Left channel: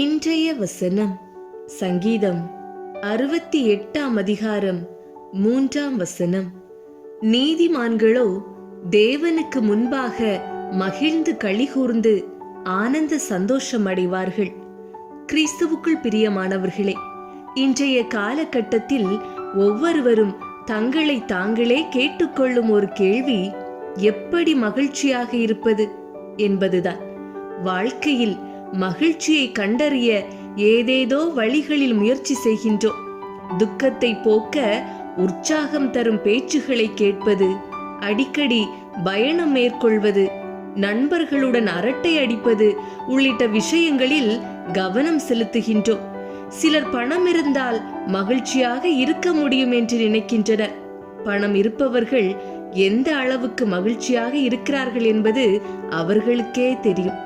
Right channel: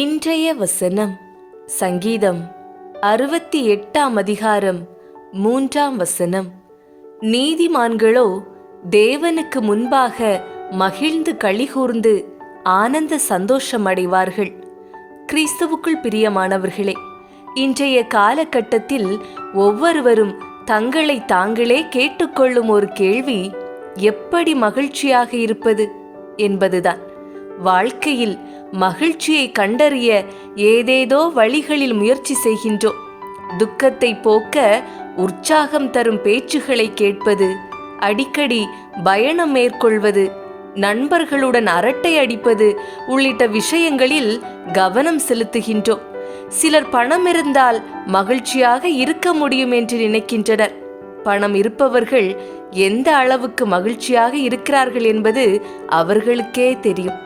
இன்றைய வசனம் சங்கீதம் 68 அதிகாரம் 3 நீதிமான்களோ தேவனுக்கு முன்பாக மகிழ்ந்து களிகூர்ந்து ஆனந்த சந்தோஷம் அடைவார்கள். கிறிஸ்துவுக்குள் பிரியமானவர்களே, இன்றைய காலகட்டத்தில் ஒவ்வொருவரும் தங்களை தாங்களே கேட்டுக்கொள்ளும் ஒரு கேள்வி, எப்படி மகிழ்ச்சியாக இருப்பது என்பதுதான். வாழ்க்கையில் மகிழ்ச்சியை கண்டறிய ஏதேதோ வழிகளில் முயற்சி செய்கின்றோம். துக்கத்தை போக்க உற்சாகம் தரும் பேச்சுகளை கேட்பது, அடிக்கடி பயணம் மேற்கொள்வது, நண்பர்களுடன் அரட்டை அடிப்பது உள்ளிட்ட விஷயங்களில் கவனம் செலுத்துகின்றோம். சிலர் பணம் இருந்தால் மகிழ்ச்சியாக இருக்க முடியும் என்று நினைக்கின்றனர். பணம் இருப்பவர்கள் எந்த அளவுக்கு மகிழ்ச்சியாக இருக்கிறார்கள் என்பது அவர்களுக்கே தெரியும்.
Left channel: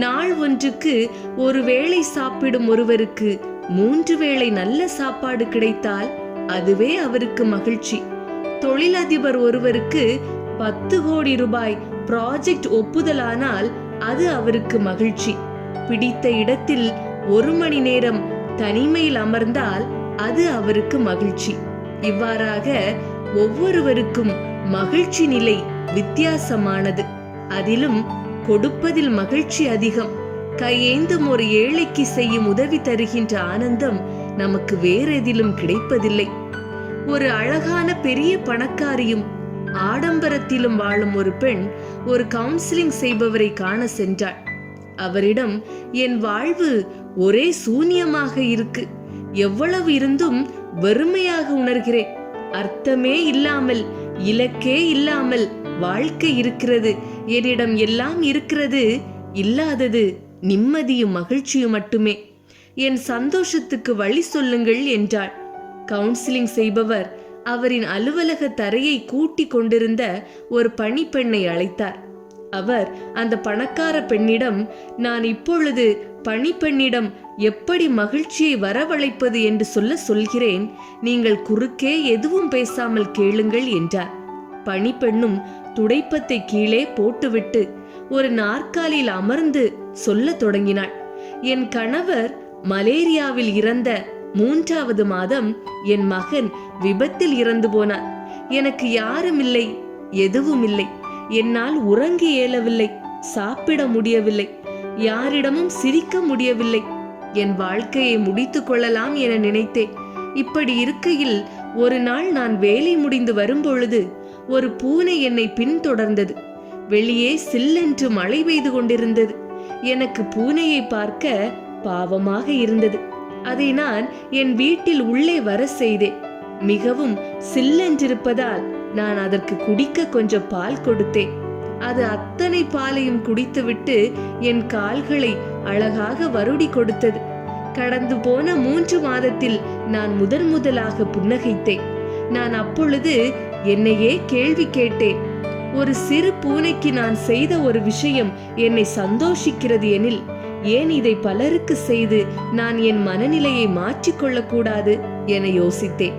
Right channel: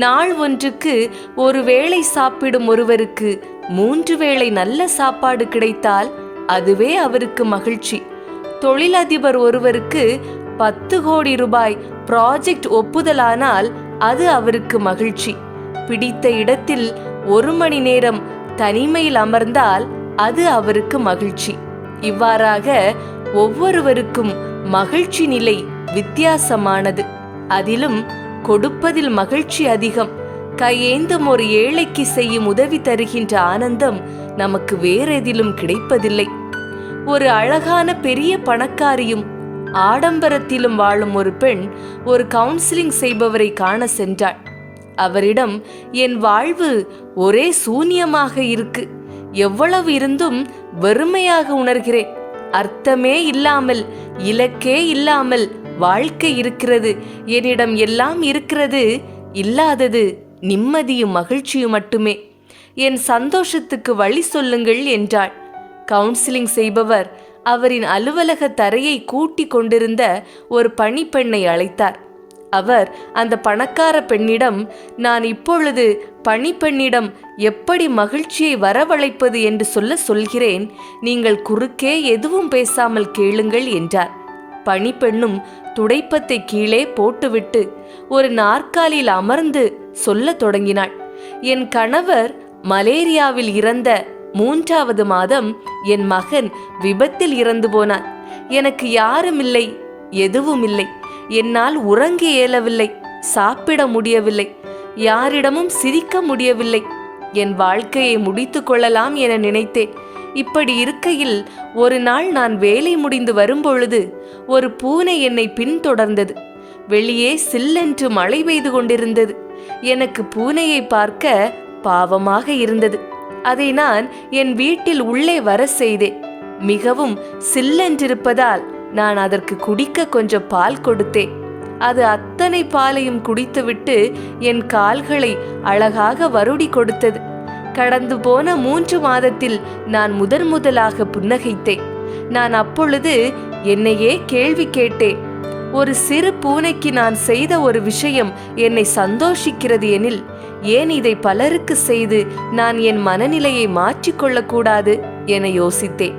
நாள் ஒன்றுக்கு ஒரு வேளை சாப்பிடும் ஒருவருக்கு 3 வேளை நல்ல சாப்பாடு கிடைத்தால் அதுவே அவருக்கு மகிழ்ச்சி. தொழிலதிபர் ஒருவருக்கு 10 கோடி ரூபாய் ப்ராஜெக்ட் ஒப்புதலானால் அது அவருக்கு மகிழ்ச்சி. பிடித்த இடத்தில் 1 மணி நேரம் தனிமையில் அமர்ந்தால் அது அவருக்கு மகிழ்ச்சி. இவ்வாறாக ஒவ்வொருவருக்கும் மகிழ்ச்சி நிலை வித்தியாசமானது. அதிலும் கொடுப்பதில் மகிழ்ச்சி அதிகம். கையேந்தும் ஒரு ஏழைக்கு செய்யும் உதவி தருகின்ற ஆனந்தம் நமக்கு வேறெதிலும் கிடைப்பதில்லை. ஒரு அழகான பெரிய பணக்காரியும் ஆடம்பரத்திலும் வாழும் ஒரு பெண் ஒரு கவுன்சிலிங் செய்பவரை காண சென்றாள். அவரிடம், என் வாழ்வு ஒரே சூன்யமாக இருக்கு, எவ்வளவு இருந்தும் வெறுமையாக உணர்கிறேன், அர்த்தமே இல்லாமல் இலக்கே இல்லாமல் வாழ்க்கை இருக்கிறது, என்னிடம் எல்லாம் இருக்கிறது, இல்லாதது நிம்மதியும் மகிழ்ச்சியும் மட்டுமே, என் சந்தோஷத்துக்கு வழி சொல்லுங்கள் என்றாள். கவுன்சிலிங் செய்பவர் அவரின் அலுவலக தரையை கூட்டி கொண்டிருந்த ஒரு பணிப்பெண்ணை அழைத்தார். அவர் அந்த பணக்கார பெண்ணிடம், நான் இப்பொழுது பணிப்பெண்ணிடம் எப்படி மகிழ்ச்சியை வரவழைப்பது என்று சொல்கிறேன், நீங்கள் குறுக்கே எதுவும் பேசாமல் கேளுங்கள் என்றார். பணிப்பெண்ணும் துடைப்பத்தை கீழே போட்டுவிட்டு ஒரு நாற்காலியில் அமர்ந்து சொல்ல தொடங்கினாள். என் கணவர் மலேரியாவில் இறந்த 3வது மாதம் என் மகன் விபத்தில் இறந்து போனார். எனக்கு யாரும் இல்லை, எதுவும் இல்லை. என்னால் உறங்க இயலவில்லை, சாப்பிட முடியவில்லை, யாரிடமும் சிரிக்க முடியவில்லை. என் வாழ்க்கையை முடித்து கொள்ளலாம் என நினைத்தேன். இப்படி இருக்கையில் ஒரு நாள் நான் வேலை முடிந்து வரும்பொழுது ஒரு பூனை என்னை பின்தொடர்ந்தது. வெளியே சில்லென்று மழை பெய்து கொண்டிருந்தது. எனக்கு பூனையை பார்க்க பாவமாக இருந்தது. அதை நான் என் வீட்டில் உள்ளே வர செய்தேன். மிகவும் சில்லென்றிருப்பதால் நான் அதற்கு குடிக்க கொஞ்சம் பால் கொடுத்தேன். அது அத்தனை பாலையும் குடித்துவிட்டு என் கால்களை அழகாக வருடி கொடுத்தது. கடந்து போன 3 மாதத்தில் நான் முதலாக புன்னகைத்தேன். நான் அப்பொழுது என்னையே கேள்வி கேட்டேன், ஒரு சிறு பூனைக்கு நான் செய்த ஒரு விஷயம் என்னை சந்தோஷிக்கிறது எனில், ஏன் இதை பலருக்கு செய்து நான் என் மனநிலையை மாற்றிக்கொள்ளக்கூடாது என யோசித்தேன்.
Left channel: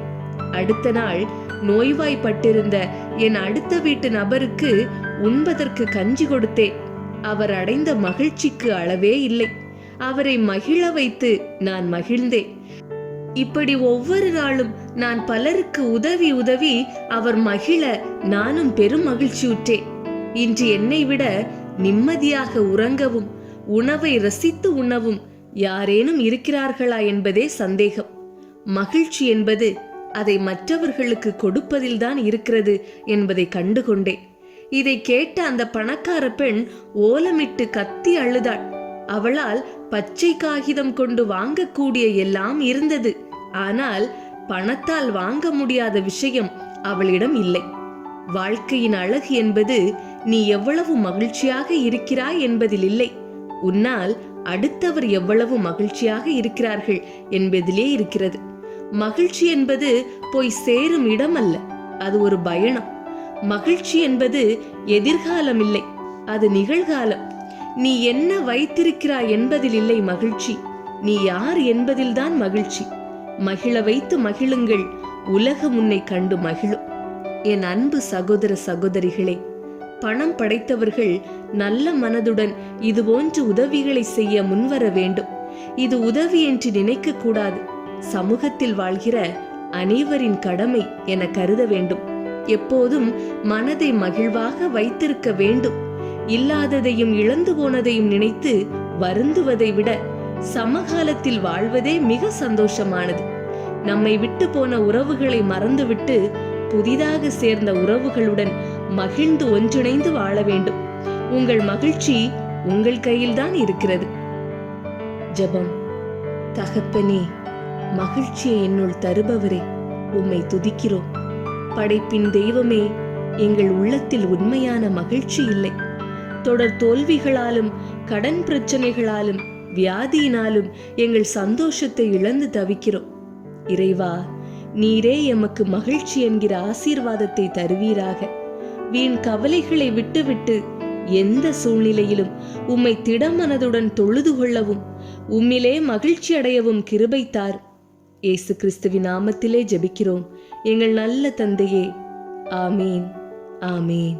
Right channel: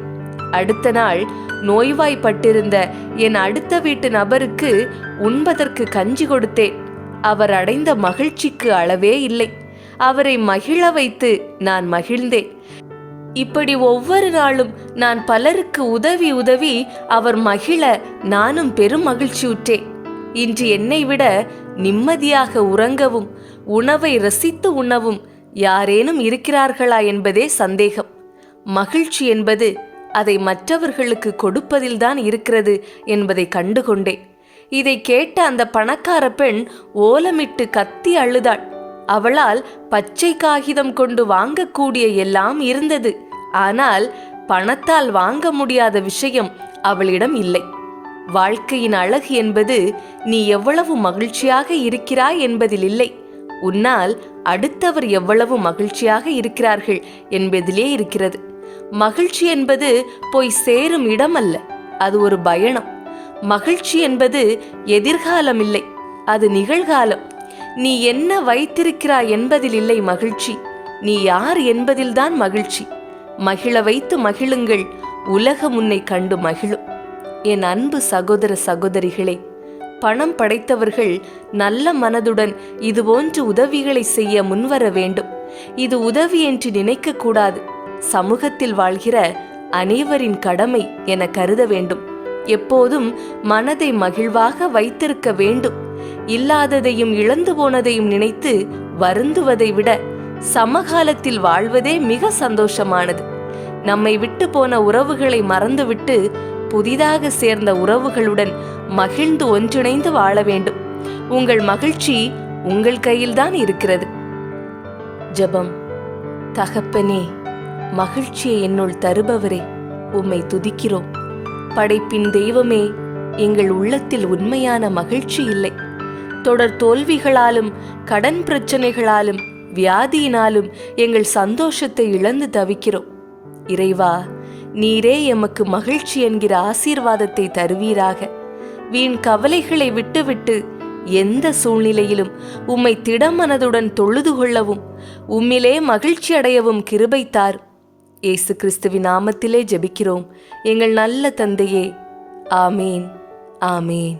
அடுத்த நாள் நோய்வாய்ப்பட்டிருந்த என் அடுத்த வீட்டு நபருக்கு உண்பதற்கு கஞ்சி கொடுத்தேன். அவர் அடைந்த மகிழ்ச்சிக்கு அளவே இல்லை. அவரை மகிழ வைத்து நான் மகிழ்ந்தேன். இப்படி ஒவ்வொரு நாளும் நான் பலருக்கு உதவி அவர் மகிழ நானும் பெரும் மகிழ்ச்சியுற்றேன். இன்று என்னை விட நிம்மதியாக உறங்கவும் உணவை ரசித்து உண்ணவும் யாரேனும் இருக்கிறார்களா என்பதே சந்தேகம். மகிழ்ச்சி என்பது அதை மற்றவர்களுக்கு கொடுப்பதில்தான் இருக்கிறது என்பதை கண்டுகொண்டேன். இதை கேட்ட அந்த பணக்கார பெண் ஓலமிட்டு கத்தி அழுதாள். அவளால் பச்சை காகிதம் கொண்டு வாங்கக்கூடிய எல்லாம் இருந்தது. ஆனால் பணத்தால் வாங்க முடியாத விஷயம் அவளிடம் இல்லை. வாழ்க்கையின் அழகு என்பது நீ எவ்வளவு மகிழ்ச்சியாக இருக்கிறாய் என்பதில் இல்லை, உன்னால் அடுத்தவர் எவ்வளவு மகிழ்ச்சியாக இருக்கிறார்கள் என்பதிலே இருக்கிறது. மகிழ்ச்சி என்பது போய் சேரும் இடம் அல்ல, அது ஒரு பயணம். மகிழ்ச்சி என்பது எதிர்காலம் இல்லை, அது நிகழ்காலம். நீ என்ன வைத்திருக்கிறாய் என்பதில் இல்லை மகிழ்ச்சி, நீ யார் என்பதில்தான் மகிழ்ச்சி. மகிழ வைத்து மகிழுங்கள், உலகம் உன்னை கண்டு மகிழும். என் அன்பு சகோதர சகோதரிகளே, பணம் படைத்தவர்கள் நல்ல மனதுடன் இதுபோன்ற உதவிகளை செய்ய முன்வர வேண்டும். இது உதவி என்று நினைக்க கூடாது. சமூகத்தில் வாழ்கிற அனைவரின் கடமை என கருத வேண்டும். எப்போதும் மனதை மகிழ்வாக வைத்திருக்க வேண்டும். இல்லாததையும் இழந்து போனதையும் நினைத்து வருந்துவதை விட சமகாலத்தில் வாழ்வதே மிக சந்தோஷமானது. நம்மை விட்டு போன உறவுகளை மறந்துவிட்டு புதிதாக சேர்ந்த உறவுகளுடன் மகிழ்ந்து ஒன்றிணைந்து வாழ வேண்டும். உங்கள் மகிழ்ச்சி உங்கள் கையில்தான் இருக்கிறது. ஜெபம். தகப்பனே, மகிழ்ச்சியை என்னுள் தருபவரே, உம்மை துதிக்கிறோம். படைப்பின் தெய்வமே, எங்கள் உள்ளத்தில் உண்மையான மகிழ்ச்சி இல்லை. தொடர் தோல்விகளாலும் கடன் பிரச்சனைகளாலும் வியாதியினாலும் எங்கள் சந்தோஷத்தை இழந்து தவிக்கிறோம். இறைவா, நீரே எமக்கு மகிழ்ச்சி என்கிற ஆசீர்வாதத்தை தருவீராக. வீண் கவலைகளை விட்டுவிட்டு எந்த சூழ்நிலையிலும் உம்மை திடமனதுடன் தொழுது கொள்ளவும் உம்மிலே மகிழ்ச்சி அடையவும் கிருபை தார். இயேசு கிறிஸ்துவின் நாமத்திலே ஜெபிக்கிறோம் எங்கள் நல்ல தந்தையே. ஆமேன், ஆமேன்.